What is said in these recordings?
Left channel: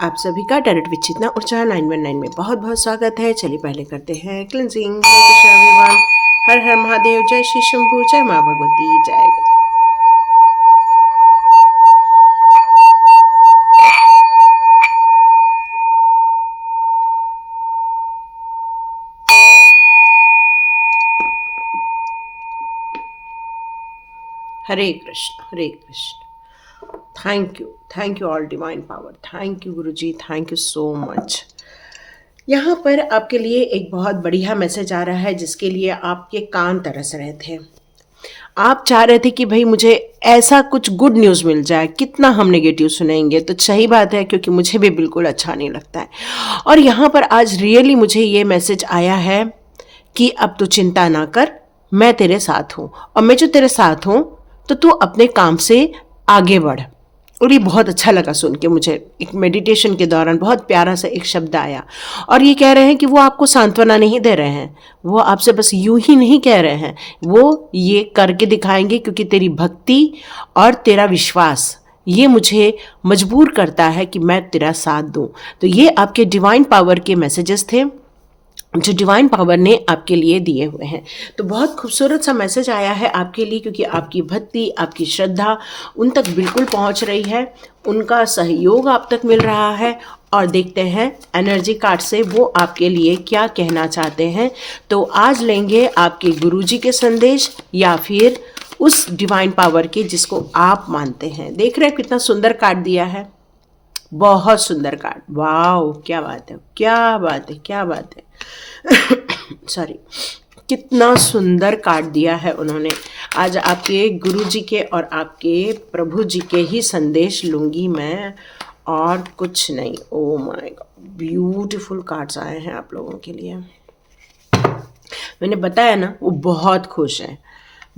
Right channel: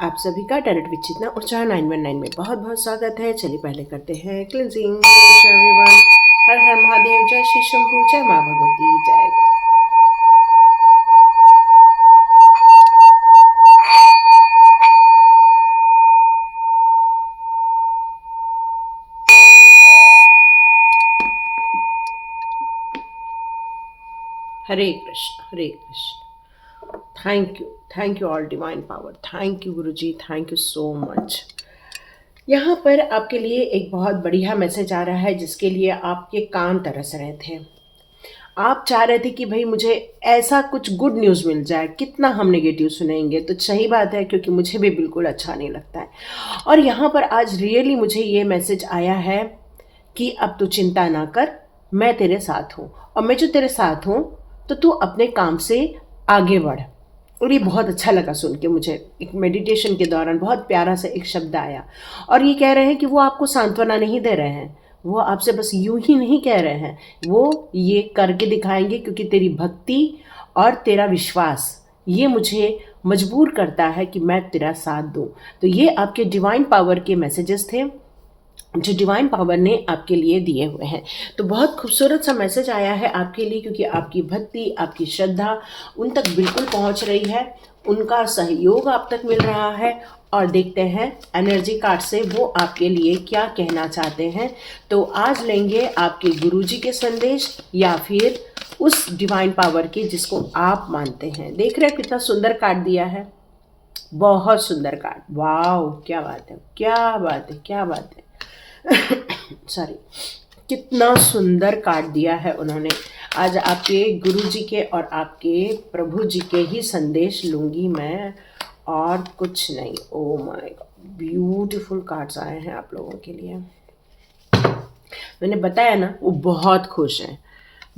आप सभी का डायरेक्ट विचितना ऊर्जा 919 में बहुत बहुत स्वागत है। चलिए पहले करते हैं क्लिनजिंग। हरे कृष्ण एवरीवन, हर हर महादेव, जय श्री शंभू, जय माँ भगवती, जय Ganesh. Hare Krishna Hare Krishna. Thank you all divine power, thank you guru ji, thank you so much. यहाँ पर आपके लिए एक बहुत बढ़िया मैसेज आ रहा है जिसके लिए आपके कान तरस रहे थे। आप चाह रहे थे कि भाई मुझे ऐसा कुछ गुड न्यूज़ मिल जाए, कितना हम नेगेटिव सुनेंगे। तो सही बात है, क्योंकि मुझे भी बिल्कुल अच्छा नहीं लगता है। और यहाँ पर आज रियली मुझे ये मैसेज आया है कि अब तू चिंता ना कर, मैं तेरे साथ हूँ, और मैं जो तेरे साथ हूँ तो तू अपने काम से आगे बढ़। और ये बहुत अच्छा लगा सुन के मुझे। एक मेडिटेशन के दौरान बहुत प्यारा सा एक शब्द आया, और ये कह रहे हैं कि वो आपको सांत्वना नहीं दे रहे हैं, वो आपसे बस यूं ही नहीं कह रहे हैं, वो ये करके दिखाएंगे, क्योंकि तेरी भक्ति और तेरा विश्वास ये मुझे मजबूर करता है कि मैं तेरा साथ दूं। तो ये आपके डिवाइन पावर के मैसेजेस थे जो डिवाइन पावर ने आपके लिए दिए हुए हैं। तो बहुत खूबसूरत सा मैसेज आया है आपके लिए, क्योंकि आपकी भक्ति, आपकी श्रद्धा उन तक बिल्कुल पहुंच रही है, उनका सहयोग आप तक मिल रहा है। और देखते हैं एनर्जी कार्ड से वो आपके लिए क्या कहना चाहते हैं। तो आज लेंगे आपके गुरुजी के संदेश या फिर उस डिवाइन पावर के जिसको आप मानते हैं। देख रहे हैं कितना सुंदर कार्ड दिया है, बहुत सुंदर कार्ड। वाह, क्या बात है, क्या बात है, क्या बात है। सॉरी, कितना सुंदर कार्ड दिया है उन्होंने। आज आपके गुरुजी के और आपके प्रभु जी के ही संदेश लूंगी मैं, और कुछ नहीं। Oh my God, beautiful cards आए हैं आप लोगों के लिए। मैंने बताया ना, वो बहुत खुश है,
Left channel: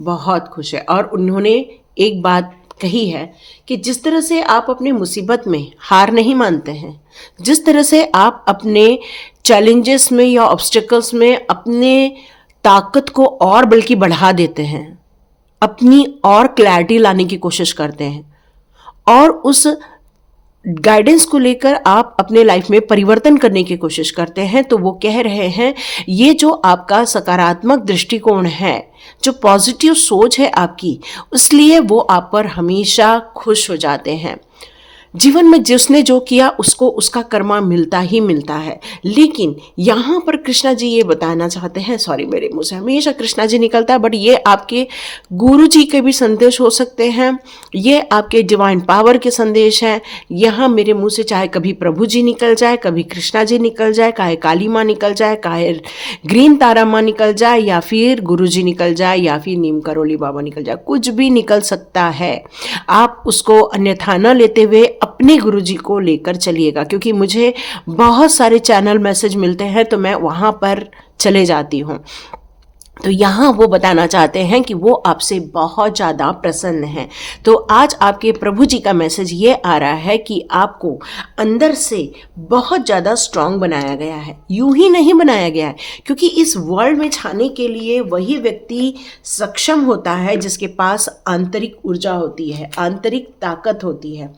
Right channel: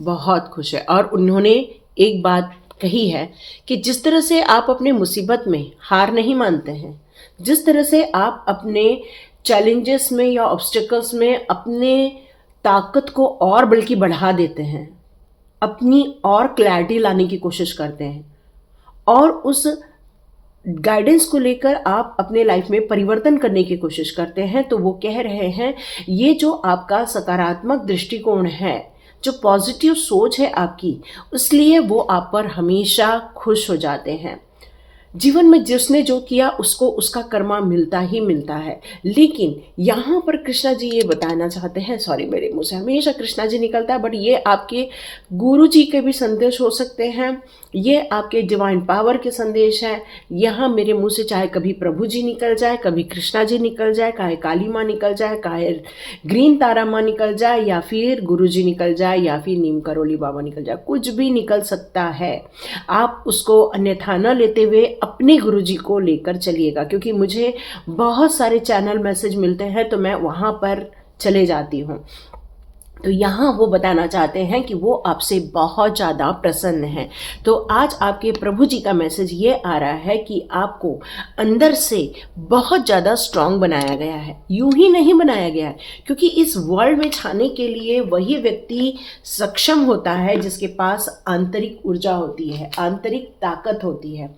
बहुत खुश है। और उन्होंने एक बात कही है कि जिस तरह से आप अपने मुसीबत में हार नहीं मानते हैं, जिस तरह से आप अपने चैलेंजेस में या ऑब्स्टिकल्स में अपने ताकत को और बल्कि बढ़ा देते हैं, अपनी और क्लैरिटी लाने की कोशिश करते हैं, और उस गाइडेंस को लेकर आप अपने लाइफ में परिवर्तन करने की कोशिश करते हैं। तो वो कह रहे हैं ये जो आपका सकारात्मक दृष्टिकोण है, जो पॉजिटिव सोच है आपकी, इसलिए वो आप पर हमेशा खुश हो जाते हैं। जीवन में जिसने जो किया उसको उसका कर्मा मिलता ही मिलता है। लेकिन यहाँ पर कृष्णा जी ये बताना चाहते हैं, सॉरी मेरे मुंह से हमेशा कृष्णा जी निकलता है, बट ये आपके गुरु जी के भी संदेश हो सकते हैं, ये आपके डिवाइन पावर के संदेश हैं। यहाँ मेरे मुंह से चाहे कभी प्रभु जी निकल जाए, कभी कृष्णा जी निकल जाए, चाहे काली माँ निकल जाए, चाहे ग्रीन तारा माँ निकल जाए, या फिर गुरु जी निकल जाए, या फिर नीम करोली बाबा निकल जाए, कुछ भी निकल सकता है। आप उसको अन्यथा न लेते हुए अपने गुरुजी को लेकर चलिएगा, क्योंकि मुझे बहुत सारे चैनल मैसेज मिलते हैं तो मैं वहाँ पर चले जाती हूँ। तो यहाँ वो बताना चाहते हैं कि वो आपसे बहुत ज़्यादा प्रसन्न हैं। तो आज आपके प्रभु जी का मैसेज ये आ रहा है कि आपको अंदर से बहुत ज़्यादा स्ट्रांग बनाया गया है। यूं ही नहीं बनाया गया है, क्योंकि इस वर्ल्ड में छाने के लिए वही व्यक्ति सक्षम होता है जिसके पास आंतरिक ऊर्जा होती है, आंतरिक ताकत होती है।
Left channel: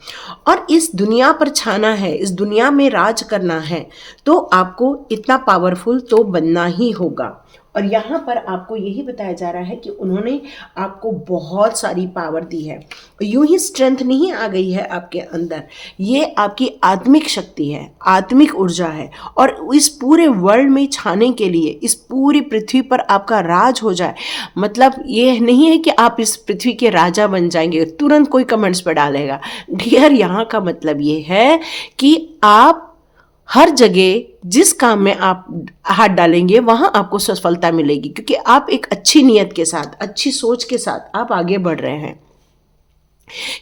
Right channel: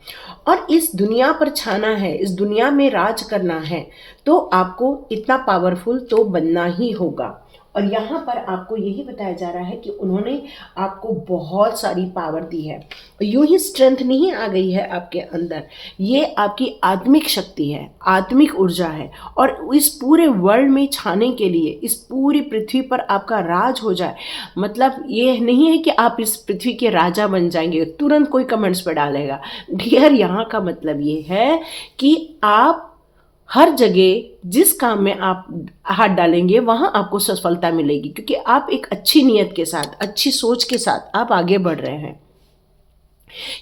और इस दुनिया पर छाना है, इस दुनिया में राज करना है, तो आपको इतना पावरफुल तो बनना ही होगा। और यहाँ पर आपको यही बताया जा रहा है कि उन्होंने आपको बहुत सारी पावर दी है। यूं ही स्ट्रेंथ नहीं आ गई है आपके अंदर, ये आपकी आत्मिक शक्ति है, आत्मिक ऊर्जा है। और इस पूरे वर्ल्ड में छाने के लिए, इस पूरी पृथ्वी पर आपका राज हो जाए, मतलब ये नहीं है कि आप इस पृथ्वी के राजा बन जाएंगे। तुरंत कोई कमेंट्स पर डालेगा, डियर, यहाँ का मतलब ये है कि आप हर जगह जिस काम में आप हाथ डालेंगे वहाँ आपको सफलता मिलेगी, क्योंकि आप एक अच्छी नीयत के साथ, अच्छी सोच के साथ आप आगे बढ़ रहे हैं।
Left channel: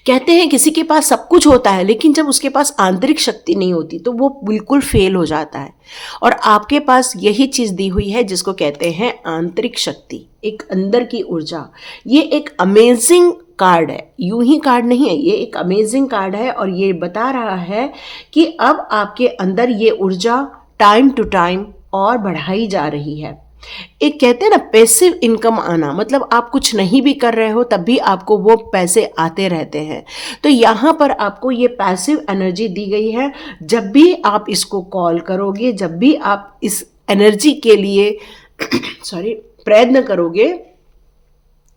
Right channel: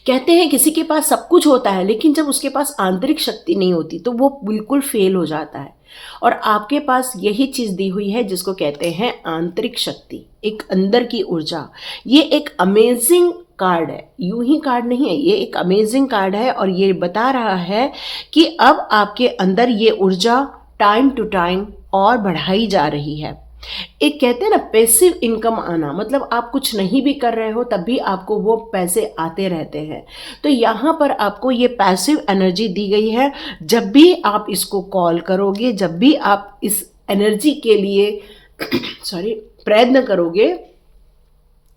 कहते हैं किसी के पास सब कुछ होता है, लेकिन जब उसके पास आंतरिक शक्ति नहीं होती तो वो बिल्कुल फेल हो जाता है। और आपके पास यही चीज़ दी हुई है जिसको कहते हैं आंतरिक शक्ति, एक अंदर की ऊर्जा। ये एक अमेजिंग कार्ड है, यूं ही कार्ड नहीं है, ये एक अमेजिंग कार्ड है। और ये बता रहा है कि अब आपके अंदर ये ऊर्जा टाइम टू टाइम और बढ़ाई जा रही है। एक कहते हैं ना पैसिव इनकम आना, मतलब आप कुछ नहीं भी कर रहे हो तब भी आपको वो पैसे आते रहते हैं। तो यहाँ पर आपको ये पैसिव एनर्जी दी गई है। जब भी आप इसको कॉल करोगे, जब भी आप इस एनर्जी के लिए सॉरी प्रयत्न करोगे,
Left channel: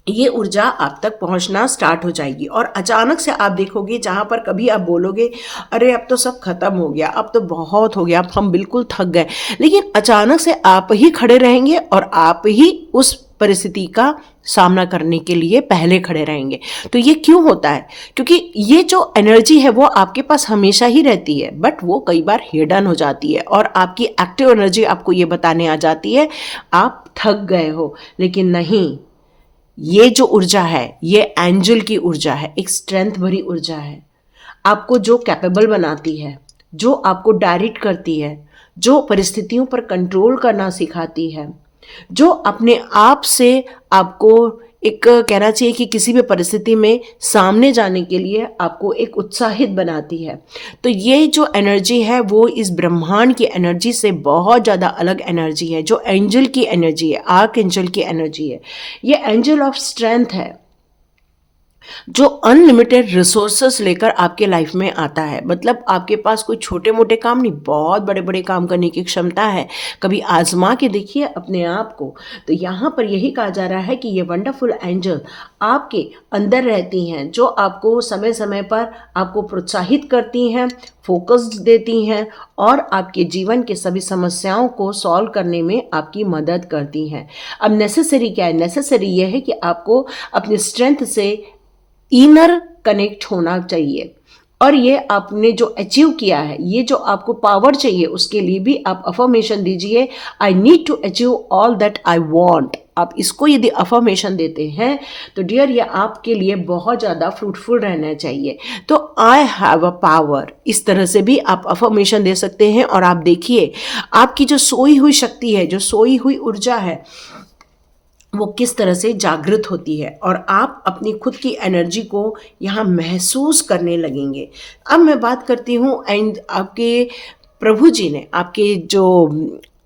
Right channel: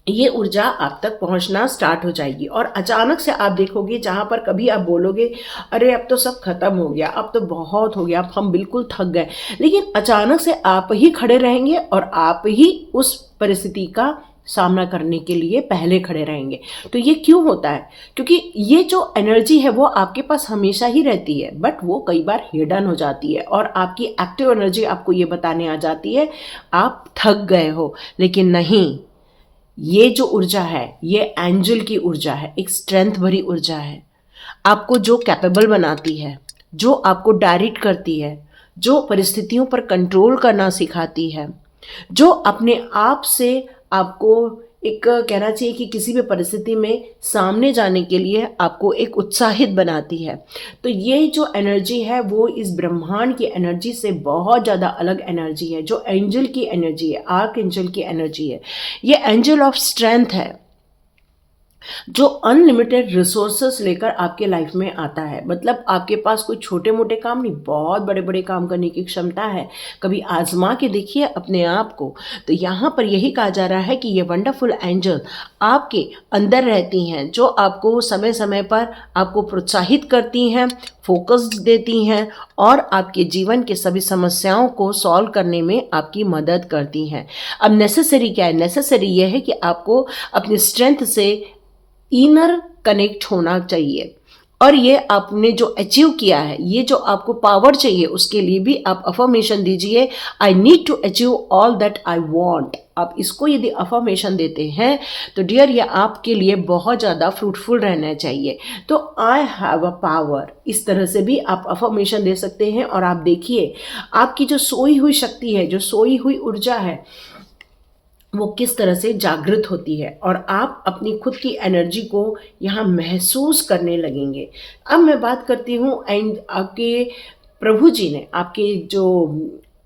ये ऊर्जा आप तक पहुंचना स्टार्ट हो जाएगी। और अचानक से आप देखोगे जहाँ पर कभी आप बोलोगे अरे अब तो सब खत्म हो गया, अब तो बहुत हो गया, अब हम बिल्कुल थक गए, लेकिन अचानक से आप ही खड़े रहेंगे और आप ही उस परिस्थिति का सामना करने के लिए पहले खड़े रहेंगे। तो ये क्यों होता है? क्योंकि ये जो एनर्जी है वो आपके पास हमेशा ही रहती है, बट वो कई बार हिडन हो जाती है और आपकी एक्टिव एनर्जी आपको ये बताने आ जाती है आप थक गए हो। लेकिन नहीं, ये जो ऊर्जा है ये एंजल की ऊर्जा है, एक स्ट्रेंथ भरी ऊर्जा है, आपको जो कैपेबल बनाती है, जो आपको डायरेक्ट करती है, जो परिस्थितियों पर कंट्रोल करना सिखाती है, जो अपने आप से आपको एक कहना चाहिए कि किसी भी परिस्थिति में सामने जाने के लिए आपको एक उत्साहित बनाती है। तो ये जो एनर्जी है वो इस ब्रह्मांड की एनर्जी से बहुत ज़्यादा अलग एनर्जी है, जो एंजल की एनर्जी है, आर्क एंजल की एनर्जी है। ये एंजल ऑफ स्ट्रेंथ है जो अनलिमिटेड रिसोर्सेस लेकर आपके लाइफ में आता है। मतलब आपके पास कोई छोटे मोटे काम नहीं, बहुत बड़े बड़े काम करने की क्षमता है। कभी आजमा के देखिए अपने आप को। तो यहाँ पर यही कहा जा रहा है कि ये वंडरफुल एंजल आपके अंदर रहती हैं, जो आपको समय समय पर आपको प्रोत्साहित करती हैं, फोकस देती हैं और आपके जीवन के सभी समस्याओं को सॉल्व करने में आपकी मदद करती हैं। अब नेसेसरी क्या है? नेसेसरी यह है कि आपको अपनी स्ट्रेंथ से इनर कनेक्ट होना चाहिए। और ये आपने जो अचीव किया है, ये जो आपको पावर चाहिए, उसके लिए भी आप अफर्मेशन दीजिए, I need to achieve all that I want. आप इसको यदि अफर्मेशन देते हैं तो डियर ये आपके लिए बहुत ज़्यादा फ्रूटफुल रहना चाहिए। तो आई हैव अ पावर, इस तरह से भी आप अफर्मेशन दे सकते हैं। और आप देखिए आपकी जो सोई हुई शक्ति है, जो सोई हुई ऊर्जा है, वो किस तरह से जागृत होती है और आप अपनी खुद की एनर्जी को यहाँ महसूस करने लगेंगे। अब मैं बात करती हूँ एंड आपके प्रभु जी ने, आपके जो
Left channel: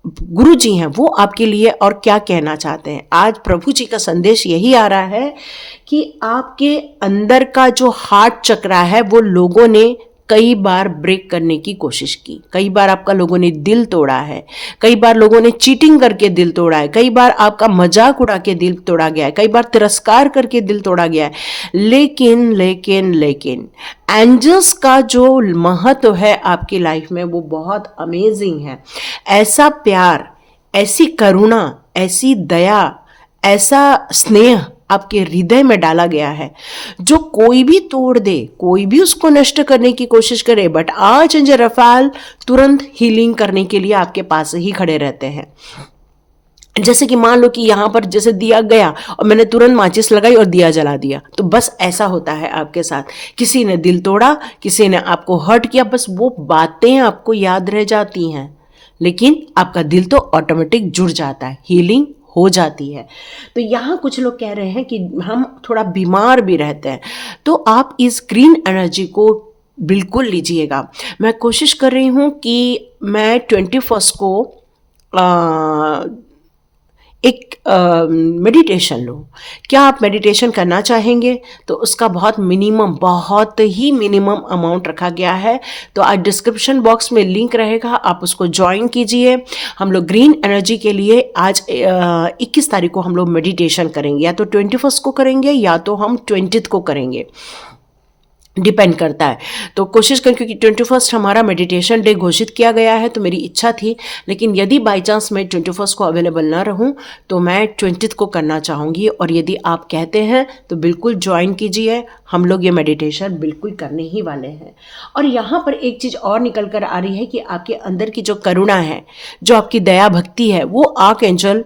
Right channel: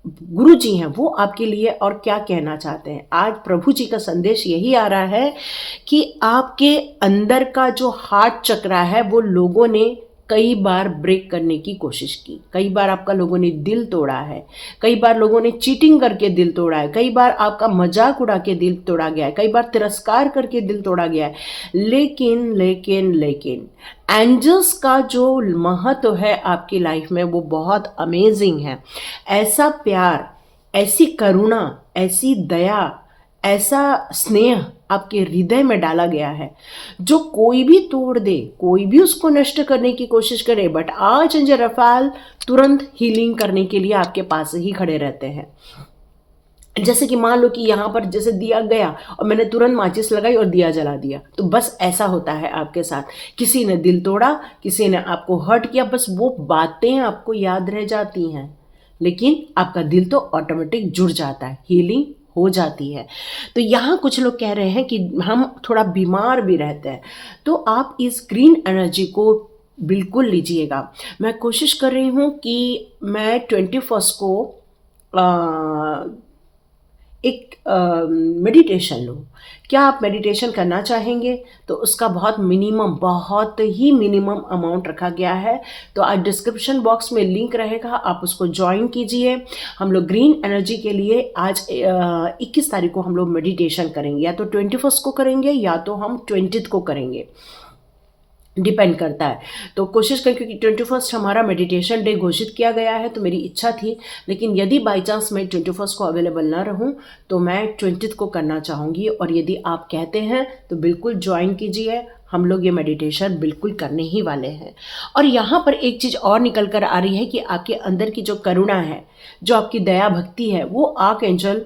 गुरु जी हैं, वो आपके लिए और क्या कहना चाहते हैं। आज प्रभु जी का संदेश यही आ रहा है कि आपके अंदर का जो हार्ट चक्रा है वो लोगों ने कई बार ब्रेक करने की कोशिश की, कई बार आपका लोगों ने दिल तोड़ा है, कई बार लोगों ने चीटिंग करके दिल तोड़ा है, कई बार आपका मजाक उड़ा के दिल तोड़ा गया है, कई बार तिरस्कार करके दिल तोड़ा गया है। लेकिन लेकिन लेकिन एंजल्स का जो महत्व है आपकी लाइफ में वो बहुत अमेजिंग है। ऐसा प्यार, ऐसी करुणा, ऐसी दया, ऐसा स्नेह आपके हृदय में डाला गया है जो कोई भी तोड़ दे, कोई भी उसको नष्ट करने की कोशिश करे, बट आज एंजल रफाल तुरंत हीलिंग करने के लिए आपके पास ही खड़े रहते हैं। जैसे कि मान लो कि यहाँ पर जैसे दिया गया और मैंने तुरंत माचिस लगाई और दिया जला दिया, तो बस ऐसा होता है आपके साथ। किसी ने दिल तोड़ा, किसी ने आपको हर्ट किया, बस वो बातें आपको याद रह जाती हैं, लेकिन आपका दिल तो ऑटोमेटिक जुड़ जाता है, हीलिंग हो जाती है। तो यहाँ कुछ लोग कह रहे हैं कि हम थोड़ा बीमार भी रहते हैं, तो आप इस ग्रीन एनर्जी को बिल्कुल लीजिएगा। मैं कोशिश कर रही हूँ कि मैं 21 को एक मेडिटेशन लो। क्या आप मेडिटेशन करना चाहेंगे? तो उसका बहुत ही मिनिमम अमाउंट रखा गया है। तो आज डिस्क्रिप्शन बॉक्स में लिंक रहेगा, आप उसको ज्वाइन कीजिए। हम लोग ग्रीन एनर्जी के लिए आज 21 तारीख को हम लोग मेडिटेशन करेंगे, या तो 21 को करेंगे या तो हम 20 को करेंगे, डिपेंड करता है। तो कोशिश करें, क्योंकि 21 हमारा मेडिटेशन डे घोषित किया गया है, तो मेरी इच्छा थी, लेकिन यदि बाई चांस मैं 21 को अवेलेबल ना रहूं तो मैं 20 को करना चाहूँगी। और यदि आप कहते हैं तो बिल्कुल ज्वाइन कीजिए, हम लोग ये मेडिटेशन बिल्कुल करने ही वाले हैं। और यहाँ पर एक चीज़ और निकल कर आ रही है कि आपके अंदर की जो करुणा है, जो आपकी दया भक्ति है, वो आर्क एंजल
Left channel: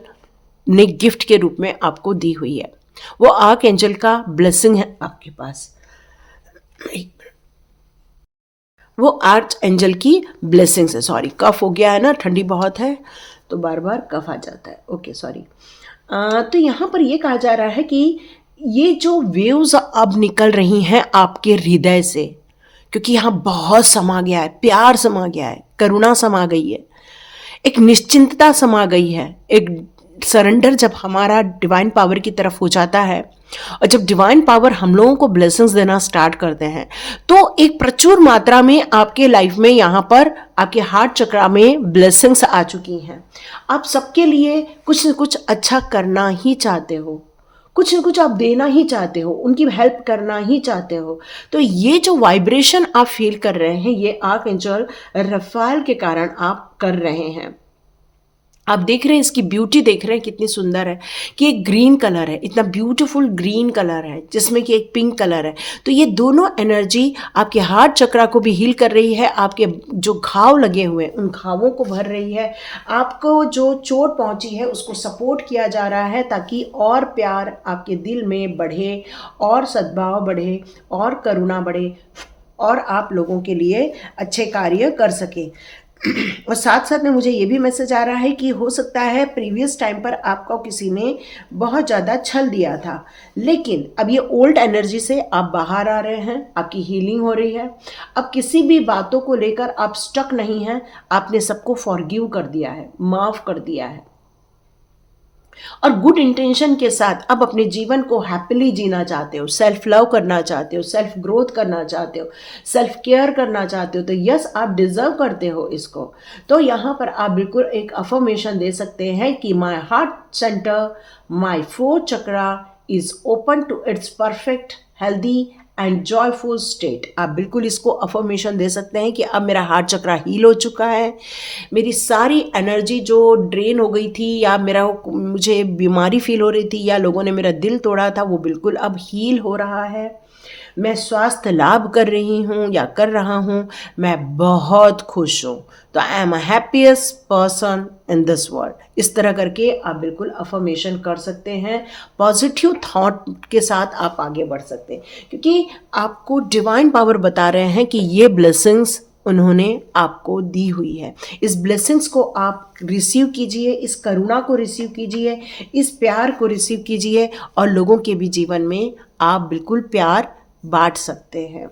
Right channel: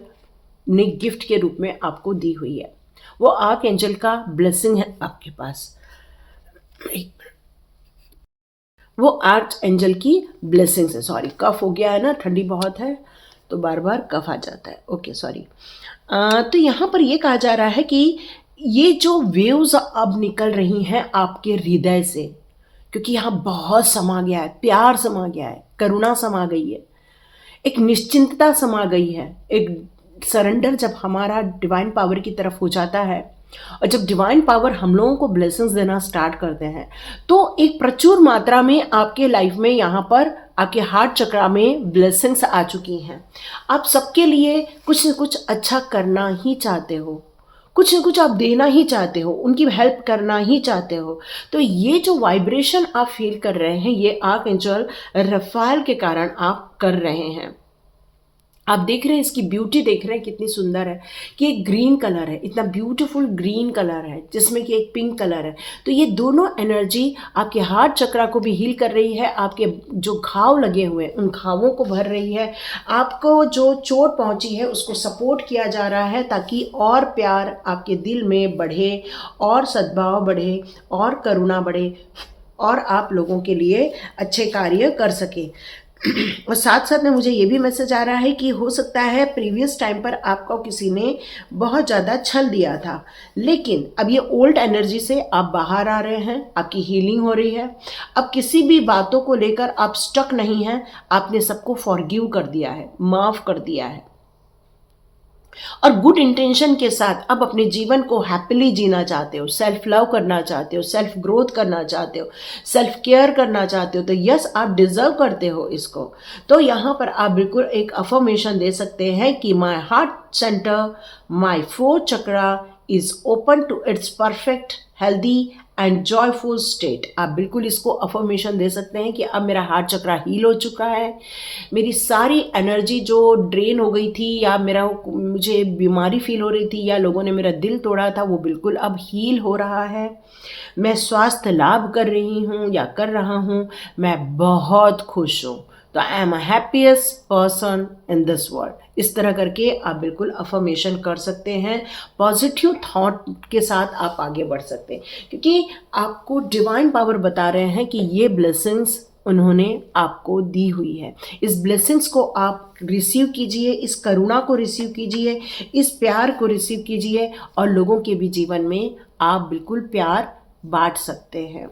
ने गिफ्ट के रूप में आपको दी हुई है। वो आर्क एंजल का ब्लेसिंग है आपके पास, वो आर्च एंजल की ब्लेसिंग्स है। सॉरी, कफ हो गया है ना, ठंडी बहुत है तो बार बार कफ आ जाता है, ओके सॉरी। तो यहाँ पर ये कहा जा रहा है कि ये जो वेव्स अब निकल रही हैं आपके हृदय से, क्योंकि यहाँ बहुत समा गया है, प्यार समा गया है, करुणा समा गई है, एक निश्चिंतता समा गई है, एक सरेंडर जब हमारा डिवाइन पावर की तरफ हो जाता है और जब डिवाइन पावर हम लोगों को ब्लेसिंग्स देना स्टार्ट करते हैं, तो एक प्रचुर मात्रा में आपके लाइफ में यहाँ पर आपके हार्ट चक्रा में ब्लेसिंग्स आ चुकी हैं। आप सबके लिए कुछ न कुछ अच्छा करना ही चाहते हो, कुछ न कुछ आप देना ही चाहते हो, उनकी हेल्प करना ही चाहते हो। तो ये जो वाइब्रेशन आप फील कर रहे हैं, ये आर्कएंजल रफाएल के कारण आप कर रहे हैं। आप देख रहे हैं, इसकी ब्यूटी देख रहे हैं कितनी सुंदर है कि एक ग्रीन कलर है, इतना ब्यूटीफुल ग्रीन कलर है जिसमें कि एक पिंक कलर है। तो ये दोनों एनर्जी आपके हार्ट चक्रा को भी हील कर रही है, आपके जो घाव लगे हुए हैं उन घावों को भर रही है, आपको जो चोट पहुंची है उसको सपोर्ट किया जा रहा है ताकि और प्यार आपके दिल में बढ़े, और सद्भाव बढ़े, और करुणा बढ़े, और आप लोगों के लिए अच्छे कार्य कर सके। और साथ साथ में मुझे ये भी मैसेज आ रहा है कि हो सकता है प्रीवियस टाइम पर आपको किसी ने बहुत ज़्यादा छल दिया था, लेकिन अब ये ओल्ड एनर्जी से आप बाहर आ रहे हैं, आपकी हीलिंग हो रही है। अब किसी भी बातों को लेकर आप स्टक नहीं हैं, आपने सबको फॉरगिव कर दिया है, माफ़ कर दिया है, और गुड इंटेंशन के साथ अब अपने जीवन को हैप्पीली जीना चाहते हो, सेल्फ लव करना चाहते हो, सेल्फ ग्रोथ करना चाहते हो, सेल्फ केयर करना चाहते हो, तो यस आप डिजर्व करते हो इसको। तो यहाँ पर आप बिल्कुल एक अफर्मेशन दे सकते हैं कि my heart centre, my fourth chakra is open to its perfect healthy and joyful state. आप बिल्कुल इसको अफर्मेशन दे सकते हैं कि अब मेरा हार्ट चक्रा हील हो चुका है, मेरी सारी एनर्जी जो ड्रेन हो गई थी या मुझे बीमारी फील हो रही थी या लोगों ने मेरा दिल तोड़ा था, वो बिल्कुल अब हील हो रहा है। मैं स्वास्थ्य लाभ कर रही हूँ या कर रहा हूँ, मैं बहुत खुश हूँ, तो I am a happiest person in this world. इस तरह करके आप बिल्कुल अफर्मेशन कर सकते हैं, पॉजिटिव थॉट के साथ आप आगे बढ़ सकते हैं, क्योंकि आपको डिवाइन पावर बता रहे हैं कि ये ब्लेसिंग्स उन्होंने आपको दी हुई है। इस ब्लेसिंग्स को आप रिसीव कीजिए, इस करुणा को रिसीव कीजिए, इस प्यार को रिसीव कीजिए, और लोगों के भी जीवन में आप बिल्कुल प्यार बांट सकते हैं।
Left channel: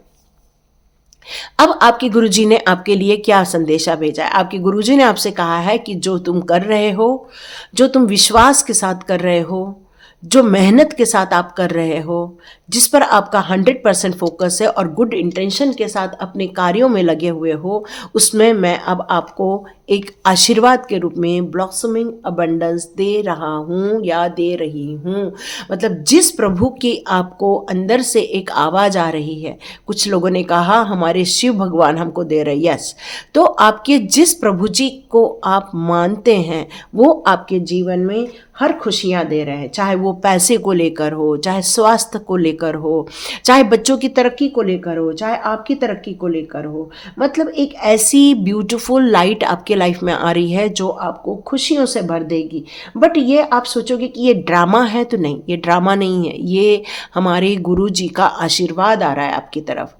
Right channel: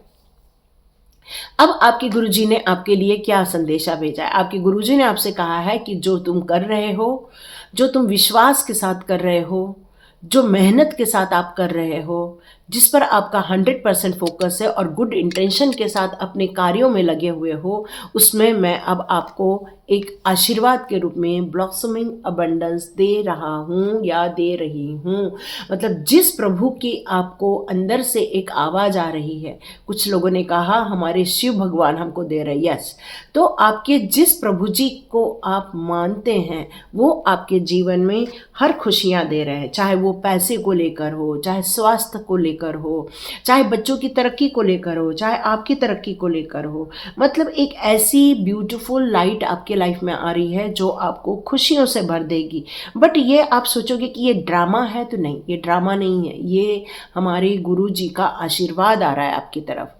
अब आपके गुरुजी ने आपके लिए क्या संदेशा भेजा है? आपके गुरुजी ने आपसे कहा है कि जो तुम कर रहे हो, जो तुम विश्वास के साथ कर रहे हो, जो मेहनत के साथ आप कर रहे हो, जिस पर आपका 100% फोकस है और गुड इंटेंशन के साथ अपने कार्यों में लगे हुए हो, उसमें मैं अब आपको एक आशीर्वाद के रूप में ब्लॉसमिंग अबंडेंस दे रहा हूँ या दे रही हूँ। मतलब जिस प्रभु की आपको अंदर से एक आवाज़ आ रही है, कुछ लोगों ने कहा हमारे शिव भगवान हमको दे रहे, यस, तो आपके जिस प्रभु जी को आप मानते हैं वो आपके जीवन में हर खुशियाँ दे रहे हैं, चाहे वो पैसे को लेकर हो, चाहे स्वास्थ्य को लेकर हो, चाहे बच्चों की तरक्की को लेकर हो, चाहे आपकी तरक्की को लेकर हो। मतलब एक ऐसी ब्यूटीफुल लाइट आपके लाइफ में आ रही है जो आपको खुशियों से भर देगी। बट ये आप सोचोगे कि ये ड्रामा है, तो नहीं, ये ड्रामा नहीं है, ये हमारे गुरु जी का आशीर्वाद आ रहा है आपकी तरफ,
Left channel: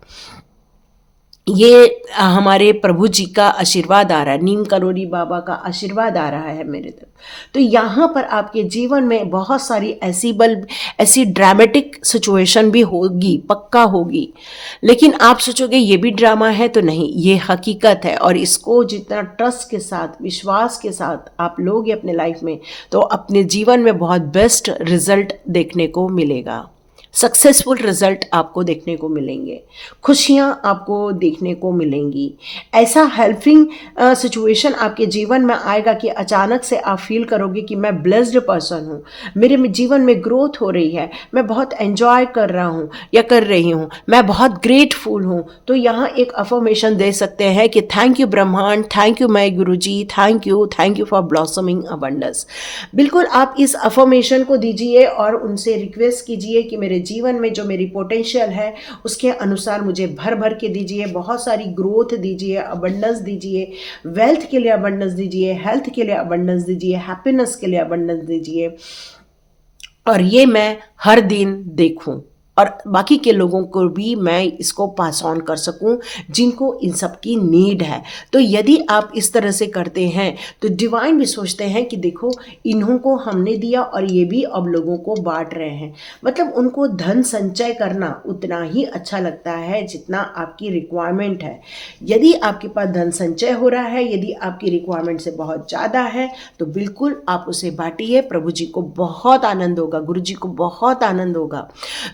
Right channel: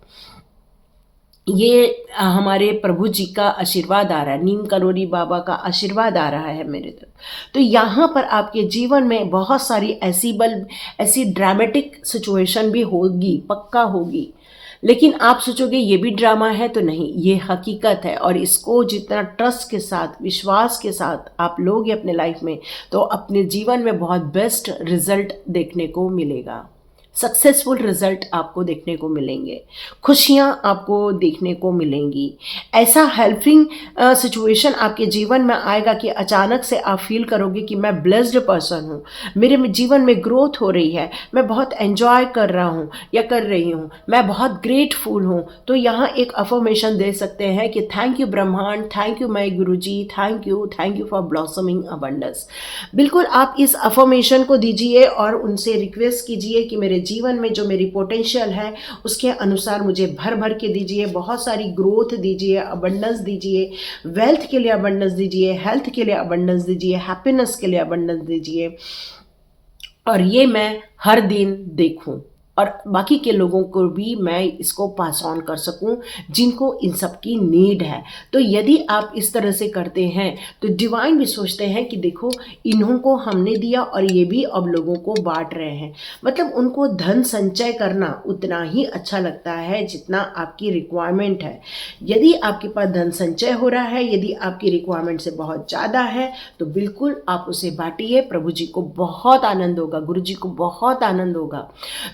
ये हमारे प्रभु जी का आशीर्वाद आ रहा है, नीम करोली बाबा का आशीर्वाद आ रहा है मेरे तरफ। तो यहाँ पर आपके जीवन में बहुत सारी ऐसी ड्रामेटिक सिचुएशन भी होगी, पक्का होगी, लेकिन आप सोचोगे ये भी ड्रामा है, तो नहीं, ये हकीकत है। और इसको जितना ट्रस्ट के साथ, विश्वास के साथ आप लोगे अपने लाइफ में, तो अपने जीवन में बहुत बेस्ट रिजल्ट देखने को मिलेगा, सक्सेसफुल रिजल्ट आपको देखने को मिलेंगे, खुशियाँ आपको देखने को मिलेंगी। ऐसा हेल्पिंग सिचुएशन आपके जीवन में आएगा कि अचानक से आप फील करोगे कि मैं ब्लेस्ड पर्सन हूँ, मेरे जीवन में ग्रोथ हो रही है, मैं बहुत एंजॉय कर रहा हूँ या कर रही हूँ, मैं बहुत ग्रेटफुल हूँ। तो यहाँ एक अफर्मेशन दे सकते हैं कि थैंक यू ब्रह्मांड, thank you my Guruji, thank you for blossoming abundance. बिल्कुल आप इस अफर्मेशन को दीजिए और उनसे रिक्वेस्ट कीजिए कि मेरे जीवन में जो मेरी पोटेंशियल है उसके अनुसार मुझे भर भर के दीजिए, बहुत सारी ग्रोथ दीजिए, अबंडेंस दीजिए, वेल्थ के लिए अबंडेंस दीजिए, हेल्थ के लिए अबंडेंस दीजिए, हैप्पीनेस के लिए अबंडेंस दीजिए, और ये मैं हर दिन देखूं और बाकी के लोगों को भी मैं इसको पास ऑन कर सकूं जिनको इन सब की नीड है। तो यदि आप इस तरह से करते हैं तो डिवाइन भी सोचते हैं कि देखो इन्हों को हमने दिया और ये भी अब लोगों को बांट रहे हैं। मतलब उनको धन संचय करना उतना ही अच्छा लगता है जितना आपकी रिक्वायरमेंट है। यदि आपके पास धन संचय हो रहा है, यदि आपकी रिक्वायरमेंट से बहुत ज़्यादा है, तो बिल्कुल आप उसे बांटिए। प्रभु जी को बहुत आनंद होगा, गुरु जी को बहुत आनंद होगा।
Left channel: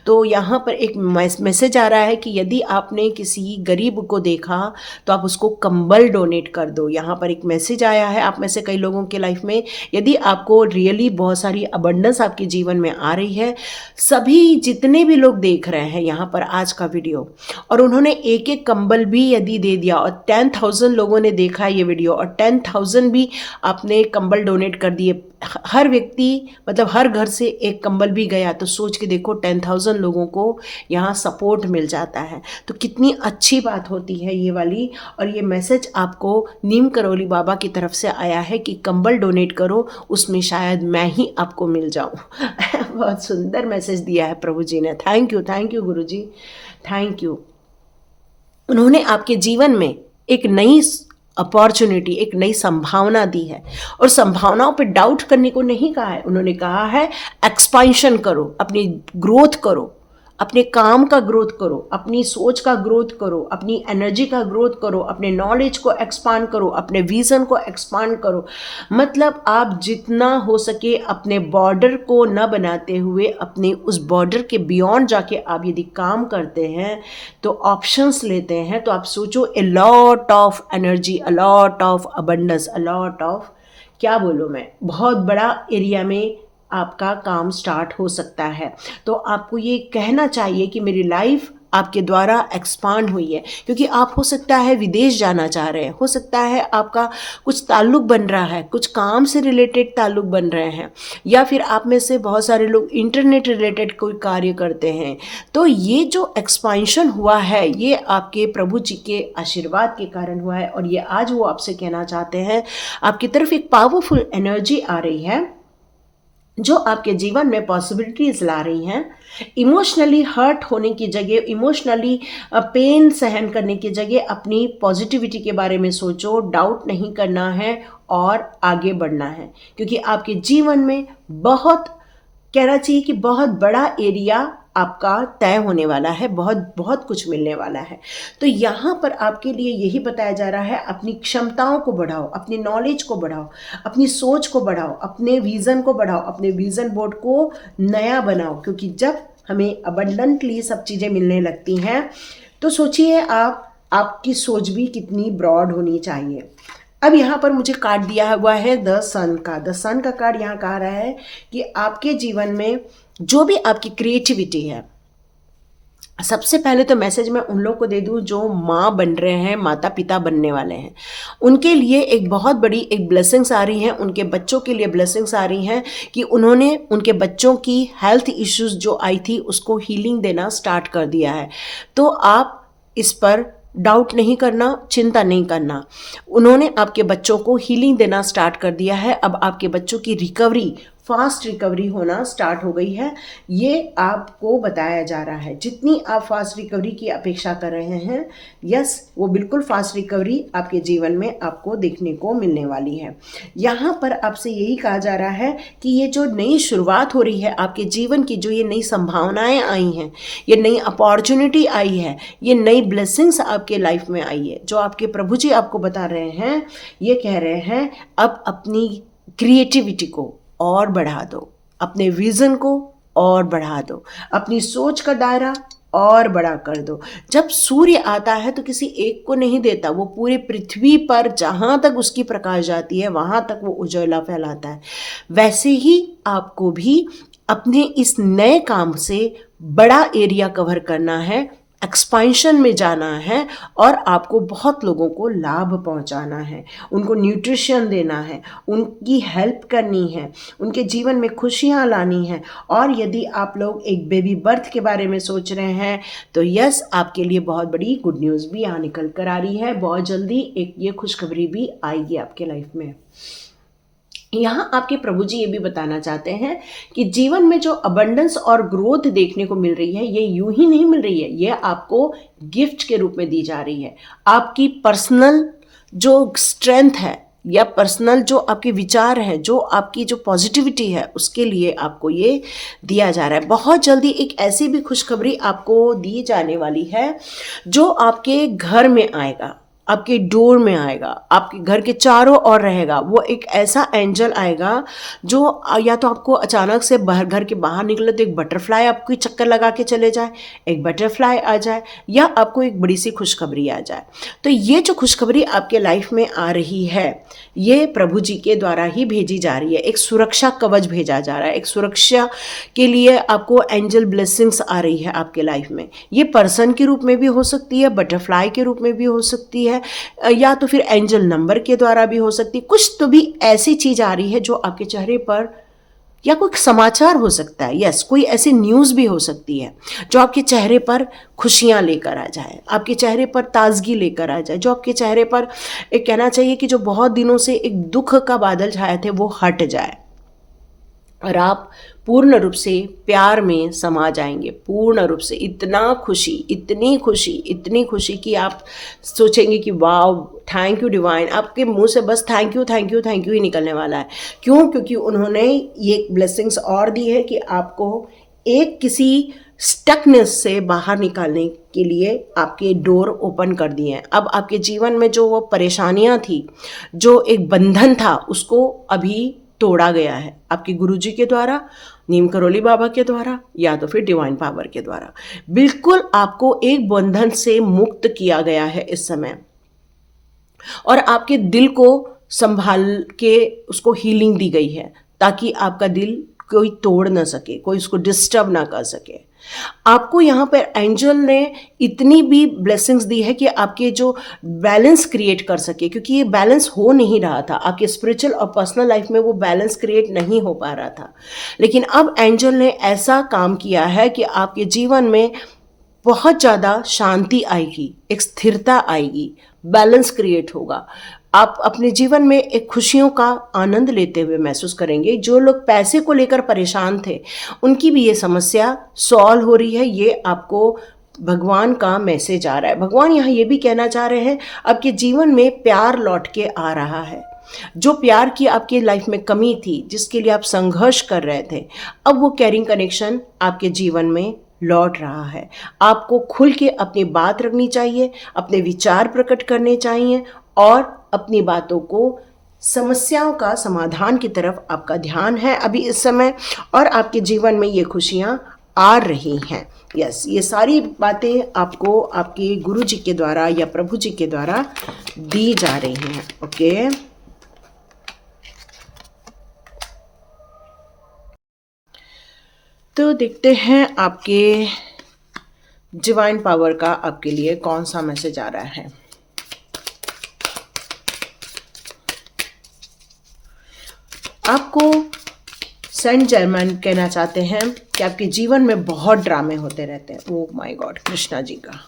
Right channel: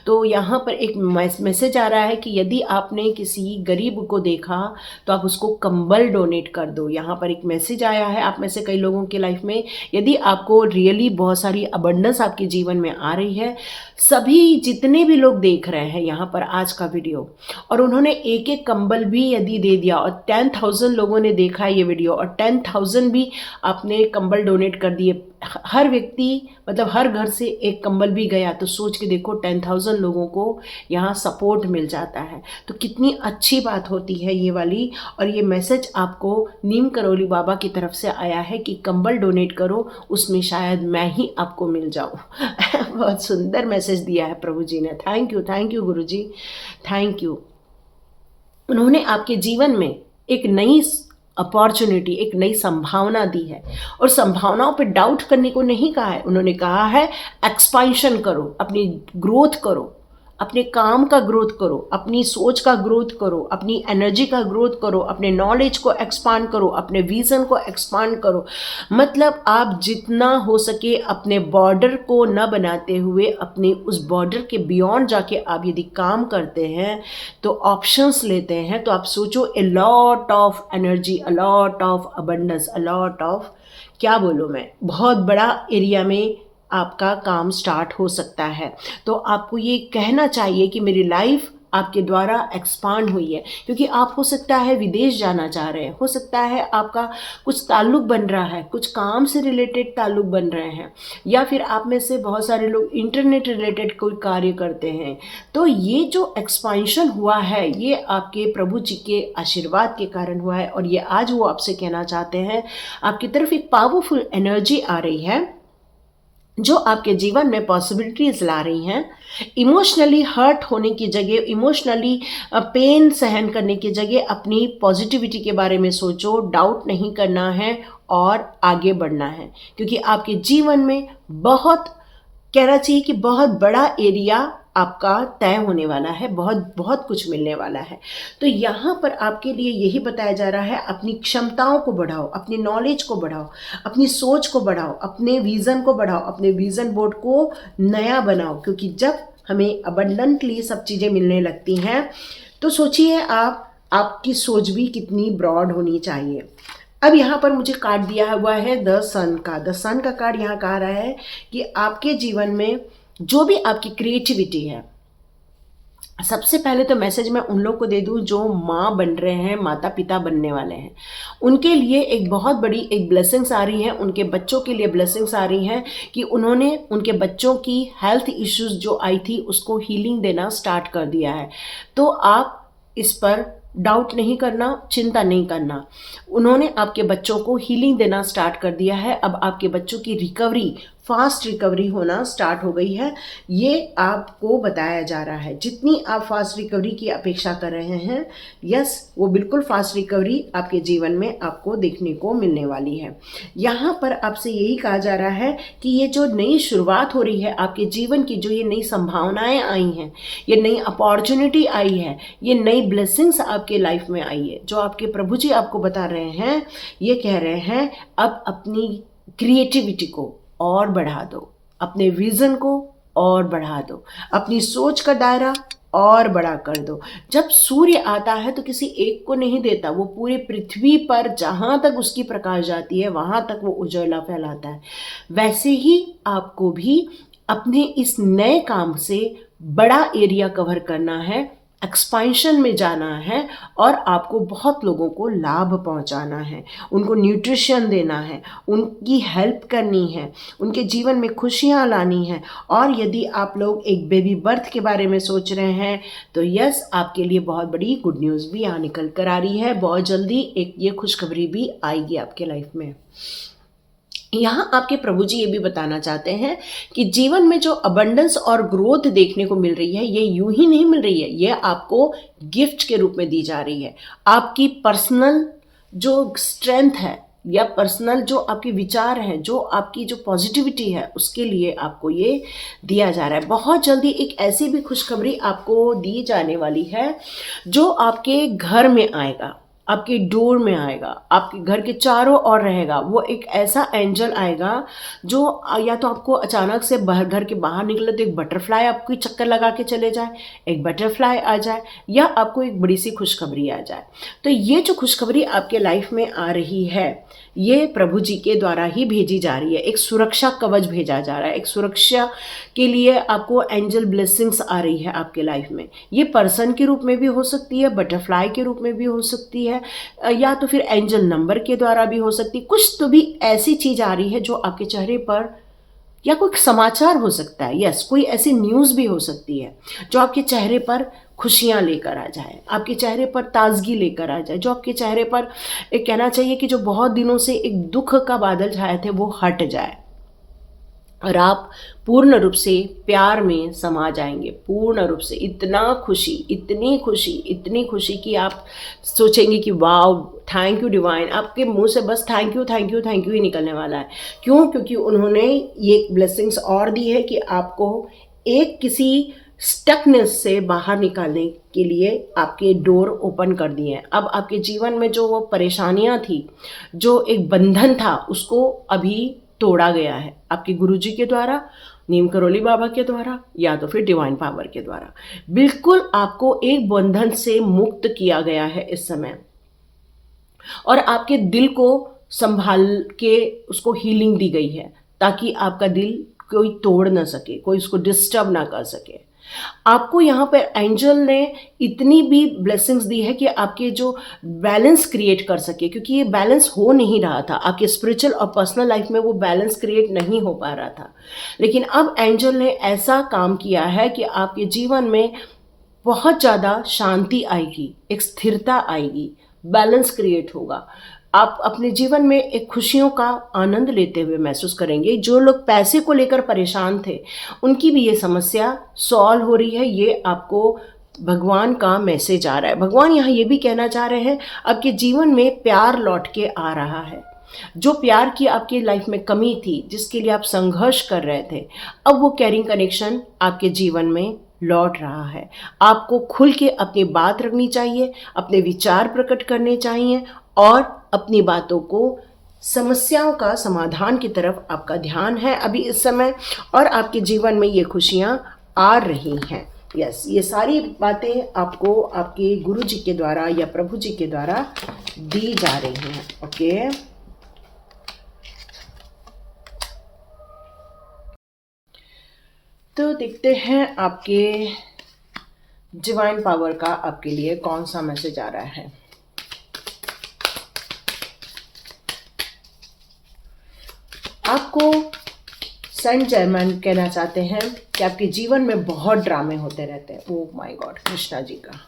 तो यहाँ पर एक मैसेज आ रहा है कि यदि आपने किसी गरीब को देखा तो आप उसको कंबल डोनेट कर दो। यहाँ पर एक मैसेज आया है आप में से कई लोगों के लाइफ में, यदि आपको रियली बहुत सारी अबंडेंस आपके जीवन में आ रही है, सभी जितने भी लोग देख रहे हैं यहाँ पर आज का वीडियो, और उन्होंने एक एक कंबल भी यदि दे दिया और 10,000 लोगों ने देखा ये वीडियो और 10,000 भी आपने कंबल डोनेट कर दिए, हर व्यक्ति मतलब हर घर से एक कंबल भी गया, तो सोच के देखो 10,000 लोगों को यहाँ सपोर्ट मिल जाता है। तो कितनी अच्छी बात होती है ये वाली। और ये मैसेज आपको नीम करौली बाबा की तरफ से आया है कि कंबल डोनेट करो, उसमें शायद मैं ही आपको मिल जाऊँ। बहुत सुंदर मैसेज दिया है प्रभु जी ने। Thank you guru ji, thank you. उन्होंने आपके जीवन में एक नई अपॉर्चुनिटी, एक नई संभावना दी है, और संभावनाओं पे डाउट करने को नहीं कहा है। उन्होंने कहा है एक्सपेंशन करो, अपनी ग्रोथ करो, अपने काम का ग्रोथ करो, अपनी सोच का ग्रोथ करो, अपनी एनर्जी का ग्रोथ करो, अपने नॉलेज को एक्सपांड करो, अपने विजन को एक्सपांड करो। मतलब आप जितना हो सके अपने बॉर्डर को न बनाते हुए अपने उस बॉर्डर के बियॉन्ड जाके आप यदि काम करते हैं तो ऑप्शंस लेते हैं, तो आप सोचो a lot of energy, a lot of abundance, a lot of, क्या बोलूँ मैं, बहुत बड़ा एरिया में आपका काम स्टार्ट हो सकता है। तो आपको ये कहना चाहिए कि मेरी लाइफ आपके द्वारा एक्सपांड हुई है, क्योंकि आप हो सकता है विदेश जाना चाह रहे हैं, हो सकता है आपका कुछ ताल्लुक बन रहा है, कुछ काम से रिलेटेड ताल्लुक बन रहे हैं, या फिर आप में से बहुत सारे लोग इंटरनेट रिलेटेड कोई कार्य करते हैं। तो ये जो एक्सपांशन हुआ है ये आपके प्रभु जी के आशीर्वाद के कारण हुआ है, और ये आज वो आपसे कहना चाहते हैं, आपकी तरफ एक पावरफुल एनर्जी आ रही है जो आपके जीवन में पॉसिबिलिटीज़ ला रही हैं। इमोशनली हर्ट होने की जगह, इमोशनली पेन सहन करने की जगह अपनी पॉजिटिविटी के बारे में सोचो, डाउट नहीं करना है और आगे बढ़ना है, क्योंकि आपके जीवन में बहुत, कहना चाहिए कि बहुत बड़ा एरिया आपका तय होने वाला है, बहुत बहुत कुछ मिलने वाला है। तो यहाँ पर आपके लिए यही बताया जा रहा है, अपनी क्षमताओं को बढ़ाओ, अपनी नॉलेज को बढ़ाओ, अपनी सोच को बढ़ाओ, अपने विज़न को बढ़ाओ, अपने विज़न बोर्ड को नया बनाओ, क्योंकि जब हमें अबंडेंटली सब चीज़ें मिलने लगती हैं तो सोचिए आपकी सोच भी कितनी ब्रॉड होनी चाहिए। अब यहाँ पर मुझे कार्ड दिया हुआ है द सन का। द सन का कार्ड यहाँ कह रहा है कि आपके जीवन में जो भी आपकी क्रिएटिविटी है, सबसे पहले तो मैसेज मैं उन लोगों को दे दूं जो माँ बन रहे हैं, माता पिता बनने वाले हैं, उनके लिए एक बहुत बड़ी एक ब्लेसिंग्स आ रही हैं, उनके बच्चों के लिए ब्लेसिंग्स आ रही हैं कि उन्होंने उनके बच्चों की हेल्थ इश्यूज जो आई थी उसको हीलिंग देना स्टार्ट कर दिया है। तो आप इस पर डाउट नहीं करना, चिंता नहीं करना। उन्होंने आपके बच्चों को हीलिंग देना स्टार्ट कर दिया है। अब आपके बच्चों की रिकवरी, फास्ट रिकवरी होना स्टार्ट हो गई है, ये आपको बताया जा रहा है। जितनी आप फास्ट रिकवरी की अपेक्षा कर रहे हैं, यस, वो बिल्कुल फास्ट रिकवरी आपके जीवन में आपको देखने को मिलने वाली है। यहाँ पर आपसे यही कहा जा रहा है कि ये जो नई शुरुआत हो रही है आपके जीवन की, जो ये नई संभावनाएं आई हैं, ये नई अपॉर्चुनिटी आई है, ये नई ब्लेसिंग्स आपके लाइफ में आई है, जो आपके प्रभु जी आपको बता रहे हैं, ये कह रहे हैं अब अपनी क्रिएटिविटी को और बढ़ा दो, अपने विज़न को और बढ़ा दो, अपनी सोच का दायरा और बड़ा कर दो। जब सूर्य आता है तो किसी एक को नहीं देता, वो पूरी पृथ्वी पर जहाँ तक उसकी प्रकाश जाती है वहाँ तक वो उजाला फैलाता है। वैसे ही आपको भी अपने इस नए काम से बड़ा एरिया कवर करना है, एक्सपेंशन में जाना है, और आपको बहुत लोगों को लाभ पहुंचाना है, उनको न्यूट्रिशन देना है, उनकी हेल्प करनी है, उनके जीवन में खुशियां लानी है। और यदि आप लोग एक बेबी बर्थ के बारे में सोच रहे हैं तो यस, आपके लिए बहुत बड़ी गुड न्यूज़ भी यहाँ निकल कर आ रही है। बहुत जल्दी एक ये खुशखबरी भी आएगी आपके लाइफ में। यहाँ आपके प्रभु जी ये भी बताना चाहते हैं कि जीवन में जो अबंडेंस और ग्रोथ देखने को मिल रही है, ये यूं ही नहीं मिल रही है, ये आपको गिफ्ट के रूप में दी जा रही है। आपकी पर्सनल जो स्ट्रेंथ है या पर्सनल जो आपके विचार हैं, जो आपकी जो पॉजिटिविटी है, उसके लिए आपको ये दिया जा रहा है। बहुत जल्दी एक ऐसी भी खुशखबरी आपको दी जाने वाली है जो आपके घर में आएगा, आपके डोर में आएगा, आपके घर के चारों ओर रहेगा। वो एक ऐसा एंजल आएगा जो या तो आपको अचानक से घर के बाहर निकले तो एक बटरफ्लाई आपको चक्कर लगा के चले जाए, एक बटरफ्लाई आ जाए, या आपको एक बड़ी सी खुशखबरी आ जाए। तो ये जो खुशखबरी आपके लाइफ में आ रही है, ये प्रभु जी के द्वारा ही भेजी जा रही है। एक सुरक्षा कवच भेजा जा रहा है, एक सुरक्षा के लिए आपको एंजल ब्लेसिंग्स आ रही है आपके लाइफ में। ये पर्सन के रूप में भी हो सकती है, बटरफ्लाई के रूप में भी हो सकती है, या तो फिर एंजल नंबर के द्वारा भी हो सकती है। कुछ तो भी ऐसी चीज आ रही है जो आपके चेहरे पर, या कोई समाचार हो सकता है, यस, कोई ऐसी न्यूज़ भी हो सकती है जो आपके चेहरे पर खुशियाँ लेकर आ जाए, आपके चेहरे पर ताजगी लेकर आ जाए, जो आपके चेहरे पर एक कहना चाहिए कि जो बहुत दिनों से एक दुख का बादल छाए थे वो हट जाए और आप पूर्ण रूप से प्यार में समा जाएंगे। पूर्ण रूप से इतना खुशी, इतनी खुशी, इतनी खुशी कि आप सोचेंगे कि वाह, थैंक यू डिवाइन। आपके मुंह से बस thank you thank you thank you ही निकलने वाला है। क्यों? क्योंकि उन्होंने ये ब्लेसिंग्स और दी है कि आपको एक किसी स्टकनेस से बाहर निकालने के लिए आपके डोर ओपन कर दिए हैं। अब आपके जीवन में जो वो परेशानियां थी, जो एक बंधन था, उसको अभी तोड़ा गया है आपके गुरुजी के द्वारा, नीम करोली बाबा के द्वारा, या तो फिर डिवाइन पावर के द्वारा। बिल्कुल आपको एक बंधन से मुक्त किया गया है इस समय, और आपके दिल को संभाल के उसको हीलिंग दी गई है ताकि आपका दिल कोई तोड़ ना सके, कोई उसको डिस्टर्ब ना कर सके। आपको यहाँ पर एंजल ने इतनी भी ब्लेसिंग्स दी है कि आपके जो बैलेंस क्रिएट कर सके, क्योंकि ये बैलेंस हो नहीं रहा था आपके स्पिरिचुअल और पर्सनल लाइफ में, वो बैलेंस क्रिएट नहीं हो पा रहा था। लेकिन अब एंजल ने ऐसा काम किया है कि आपके जीवन में बहुत ज़्यादा शांति आएगी, एक स्थिरता आएगी, बैलेंस क्रिएट होगा। आप अपने जीवन में एक खुशियों का आनंद लेते हुए महसूस करेंगे। जो लोग पैसे को लेकर परेशान थे, उनकी भी ये समस्या सॉल्व हो रही है। ये आपको भगवान का मैसेज आ रहा है। भगवान यहाँ ये भी कहना चाह रहे हैं, आपके जीवन में प्यार लौट के आ रहा है। जो प्यार की आपकी लाइफ में कमी थी, जिसके लिए आप संघर्ष कर रहे थे, अब वो कैरिंग कनेक्शन आपके जीवन में लौट रहा है। आपको खुल के अपनी बात रखनी चाहिए, अपने विचार प्रकट करने चाहिए, और अपनी बातों को, समस्याओं का समाधान की तरफ आपका ध्यान है अभी इस समय, और आपके जीवन में ये खुशियाँ आ रही हैं। यस, ये सारी बातें आपको आपके गुरु जी के द्वारा या प्रभु जी के द्वारा दी जा रही हैं। ओके, तो देखते हैं आपके डिवाइन पावर का आपके लिए कौन सा मैसेज आ रहा है। आपको सेंट जर्मन कहना चाहते हैं कि आपके जीवन में बहुत ड्रामे होते रहते हैं। Oh my God, Krishna ji का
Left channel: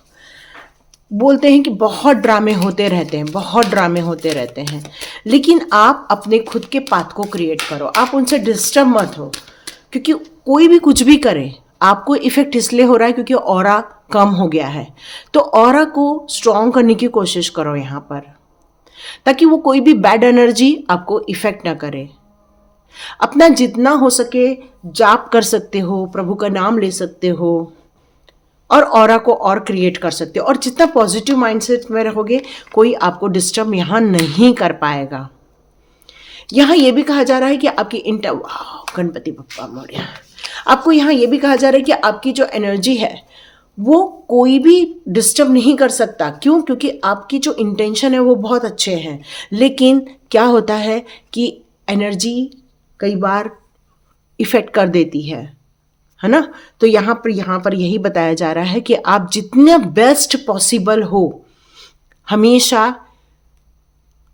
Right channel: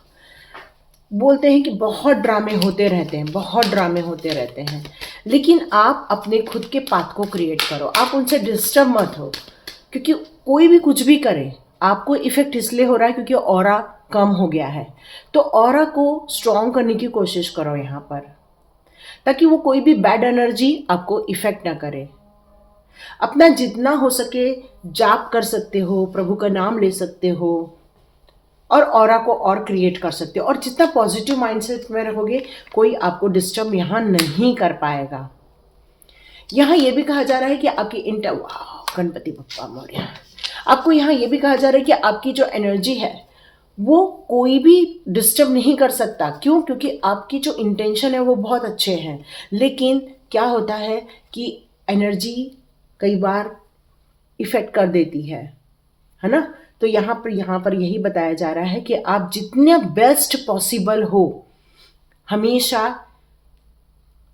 बोलते हैं कि बहुत ड्रामे होते रहते हैं, बहुत ड्रामे होते रहते हैं, लेकिन आप अपने खुद के पाथ को क्रिएट करो। आप उनसे डिस्टर्ब मत हो, क्योंकि कोई भी कुछ भी करे, आपको इफेक्ट इसलिए हो रहा है क्योंकि ऑरा कम हो गया है। तो ऑरा को स्ट्रॉन्ग करने की कोशिश करो यहाँ पर, ताकि वो कोई भी बैड एनर्जी आपको इफेक्ट ना करे। अपना जितना हो सके जाप कर सकते हो, प्रभु का नाम ले सकते हो, और ऑरा को और क्रिएट कर सकते हो। और जितना पॉजिटिव माइंडसेट में रहोगे, कोई आपको डिस्टर्ब यहाँ नहीं कर पाएगा। यहाँ ये भी कहा जा रहा है कि आपकी गणपति बप्पा मोरया, आपको यहाँ ये भी कहा जा रहा है कि आपकी जो एनर्जी है वो कोई भी डिस्टर्ब नहीं कर सकता। क्यों? क्योंकि आपकी जो इंटेंशन है वो बहुत अच्छे हैं, लेकिन क्या होता है कि एनर्जी कई बार इफेक्ट कर देती है ना। तो यहाँ पर यही बताया जा रहा है कि आप जितने बेस्ट पॉसिबल हो, हमेशा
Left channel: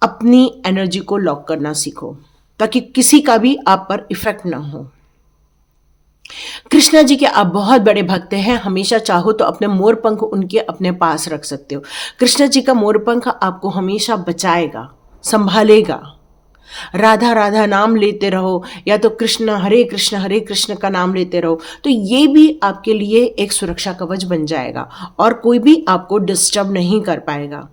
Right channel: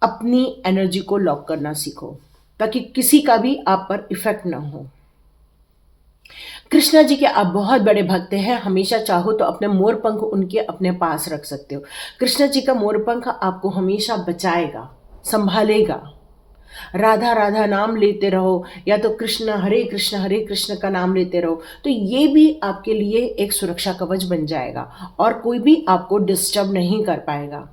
अपनी एनर्जी को लॉक करना सीखो, ताकि किसी का भी आप पर इफेक्ट ना हो। कृष्णा जी के आप बहुत बड़े भक्त हैं। हमेशा चाहो तो अपने मोर पंख उनके अपने पास रख सकते हो। कृष्णा जी का मोर पंख आपको हमेशा बचाएगा, संभालेगा, राधा राधा नाम लेते रहो, या तो कृष्ण हरे कृष्ण का नाम लेते रहो, तो ये भी आपके लिए एक सुरक्षा कवच बन जाएगा और कोई भी आपको डिस्टर्ब नहीं कर पाएगा।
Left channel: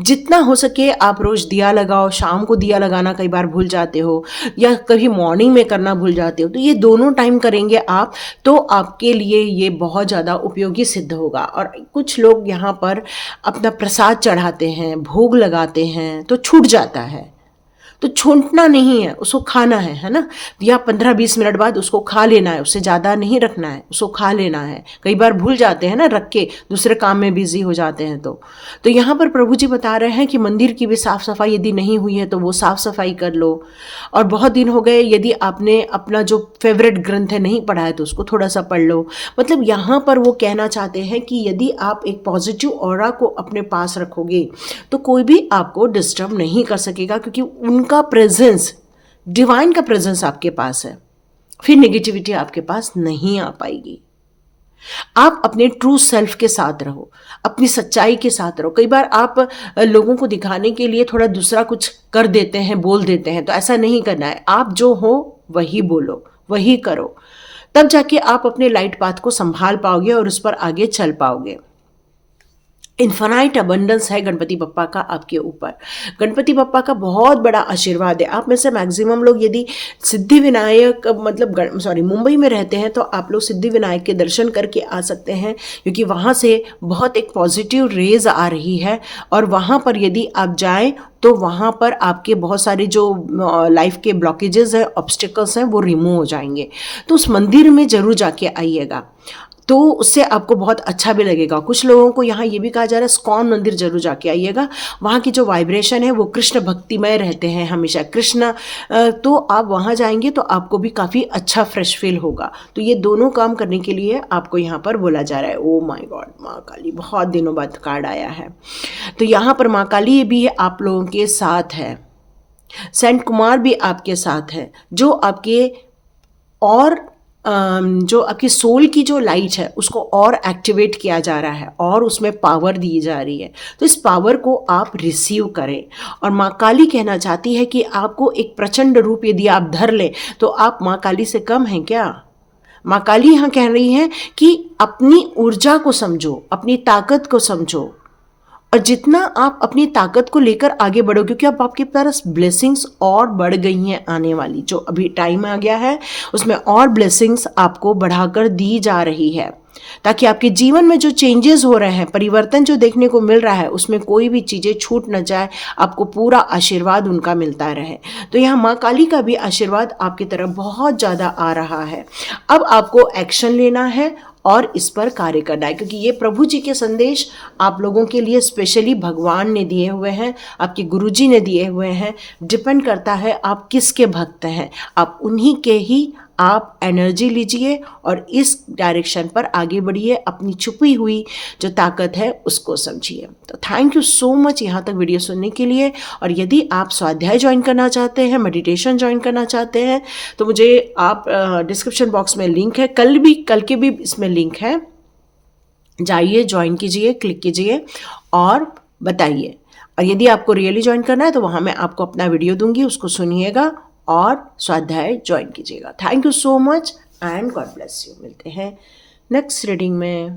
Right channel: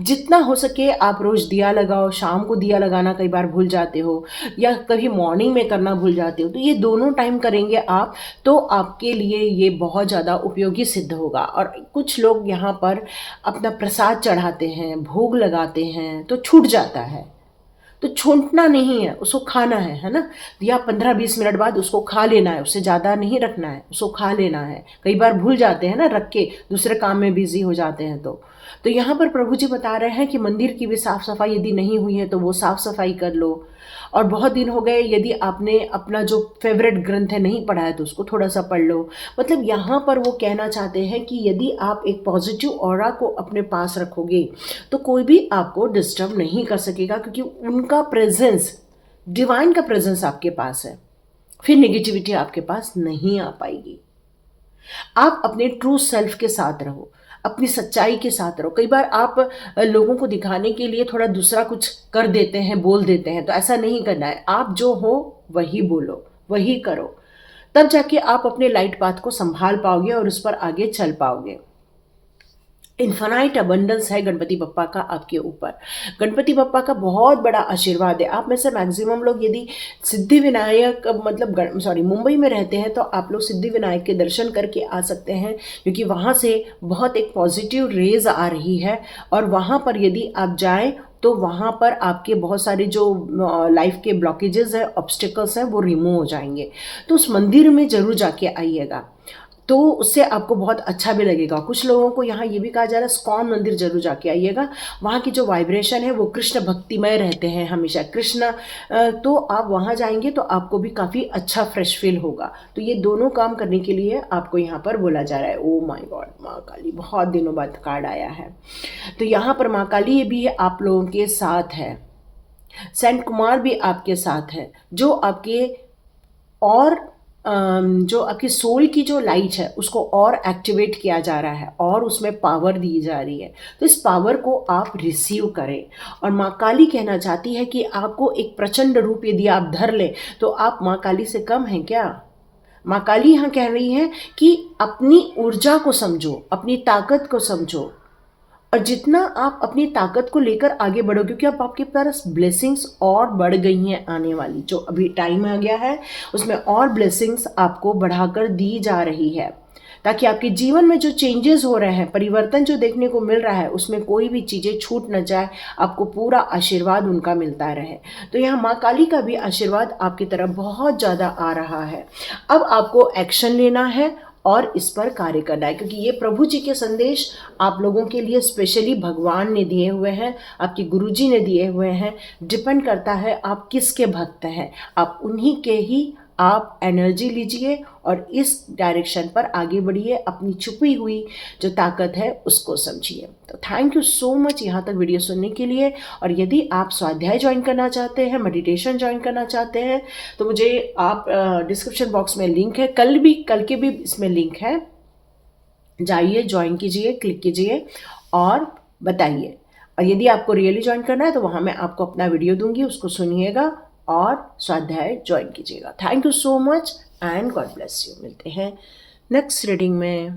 जितना हो सके आप रोज़ दिया लगाओ, शाम को दिया लगाना कई बार भूल जाते हो या कभी मॉर्निंग में करना भूल जाते हो, तो ये दोनों टाइम करेंगे आप, तो आपके लिए ये बहुत ज़्यादा उपयोगी सिद्ध होगा। और कुछ लोग यहाँ पर अपना प्रसाद चढ़ाते हैं, भोग लगाते हैं, तो छूट जाता है, तो छूटना नहीं है, उसको खाना है ना? या 15-20 मिनट बाद उसको खा लेना है, उससे ज़्यादा नहीं रखना है, उसको खा लेना है। कई बार भूल जाते हैं ना रख के, दूसरे काम में बिज़ी हो जाते हैं तो यहाँ पर प्रभु जी बता रहे हैं कि मंदिर की भी साफ़ सफाई यदि नहीं हुई है तो वो साफ़ सफाई कर लो। और बहुत दिन हो गए, यदि आपने अपना जो फेवरेट ग्रंथ है नहीं पढ़ा है तो उसको थोड़ा सा पढ़ लो। मतलब यहाँ पर वो कहना चाहते हैं कि यदि आप एक पॉजिटिव ऑरा को अपने पास रखोगे तो कोई भी आपको डिस्टर्ब नहीं कर सकेगा, क्योंकि उनका प्रेजेंस, डिवाइन का प्रेजेंस आपके पास है, फिर नेगेटिविटी आपके पास नहीं आ पाएगी। आप अपने ट्रू सेल्फ के साथ रहो, अपनी सच्चाई के साथ रहो। कई बार आप लोगों को दिखाने के लिए थोड़ा दूसरा कुछ कर देते हैं, बोल देते हैं, तो ऐसा नहीं करना है। आप जो हो वही बोलो, वही करो, तब जाके आप अपने लाइट पाथ को संभाल पाओगे और उस पर आगे चल पाओगे। इन्फानाइट अबंडेंस है गणपति बप्पा का आपके ऊपर। गणपति बप्पा का बहुत बड़ा आशीर्वाद है। आप में से मैक्सिमम लोग यदि सिद्धि विनायक मतलब मुंबई में रहते हैं तो आप लोग सिद्धि विनायक के दर्शन करके आ सकते हैं, क्योंकि वहाँ से बहुत एक पॉजिटिव रेज आ रही है। और वहाँ पर यदि आप जाएं तो वहाँ पर आपके बहुत सारे जो लाइफ के ब्लॉकेजेस हैं, ऑब्स्टिकल्स हैं, वो रिमूव हो जाएंगे। तो उस मंदिर में ज़रूर जाके आइएगा, तो उससे आपको बहुत अच्छा भी लगेगा। कुछ लोगों को यहाँ ये भी कहा जा रहा है स्कॉन मंदिर जरूर जाके आइएगा, वहाँ की जो वाइब्रेशन है वो कृष्ण भक्तिमय रहते हैं हमेशा कृष्ण, तो आप वहाँ जाएंगे तो आपको भी काफ़ी अच्छा फ्रेश फील होगा। तो ये दोनों काम करने के लिए आपको यहाँ पर बोला जा रहा है। ओ माय गॉड, माँ काली, बहुत दिनों बाद कार्ड आया है। तो यहाँ पर माँ काली भी आप लोगों के साथ है, सेंट कुमार भी आपके साथ है, जो आपके और जो आपकी सोल की जो लाइट है उसको और एक्टिवेट किया जा रहा है और उसमें पावर दी जा रही है। तो इस पावर को आप रिसीव करें। और माँ काली कहना चाहती है कि आपको एक प्रचंड रूप यदि आप धर लें तो आप माँ काली से कम हैं क्या? माँ काली यहाँ कह रही हैं कि अपनी ऊर्जा को समझो, अपनी ताकत को समझो, और जितना आप अपनी ताकत को लेकर आगे बढ़ो, क्योंकि अब आपके पास ब्लेसिंग्स और बढ़ गई हैं आने वाली, जो अभी टाइम आ गया है उसमें और ब्लेसिंग्स आपको बढ़ाकर दी जा रही है, ताकि आपके जीवन में जो चेंजेस हो रहे हैं, परिवर्तन जो देखने को मिल रहा है, उसमें कोई भी चीज़ें छूट न जाए, आपको पूरा आशीर्वाद उनका मिलता रहे। तो यहाँ माँ काली का भी आशीर्वाद आपकी तरफ बहुत ज़्यादा आ रहा है। अब आपको एक्शन लेना है और इस पर कार्य करना है, क्योंकि ये प्रभु जी के संदेश आप लोगों के लिए स्पेशली भगवान ने दिए हुए हैं, आपके गुरुजी ने दिए हुए हैं। डिपेंड करता है आप किसके भक्त हैं, आप उन्हीं के ही आप एनर्जी लीजिए और इस डायरेक्शन पर आगे बढ़िए, अपनी छुपी हुई जो ताकत है उसको समझिए। तो थैंक यू सो मच यहाँ तक वीडियो सुनने के लिए। और यदि आप स्वाध्याय ज्वाइन करना चाहते हैं, मेडिटेशन ज्वाइन करना चाहते हैं, तो मुझे आप डिस्क्रिप्शन बॉक्स में लिंक है, कल के भी इसमें लिंक है, जाइए ज्वाइन कीजिए, क्लिक कीजिए और बताइए। और यदि आपको रियली ज्वाइन करना है तो वहाँ मैं आपको अपना वीडियो दूंगी, उसको सुनिएगा और स्वाध्याय ज्वाइन कीजिएगा। Thank you so much and God bless you. मिलते हैं नेक्स्ट रीडिंग में।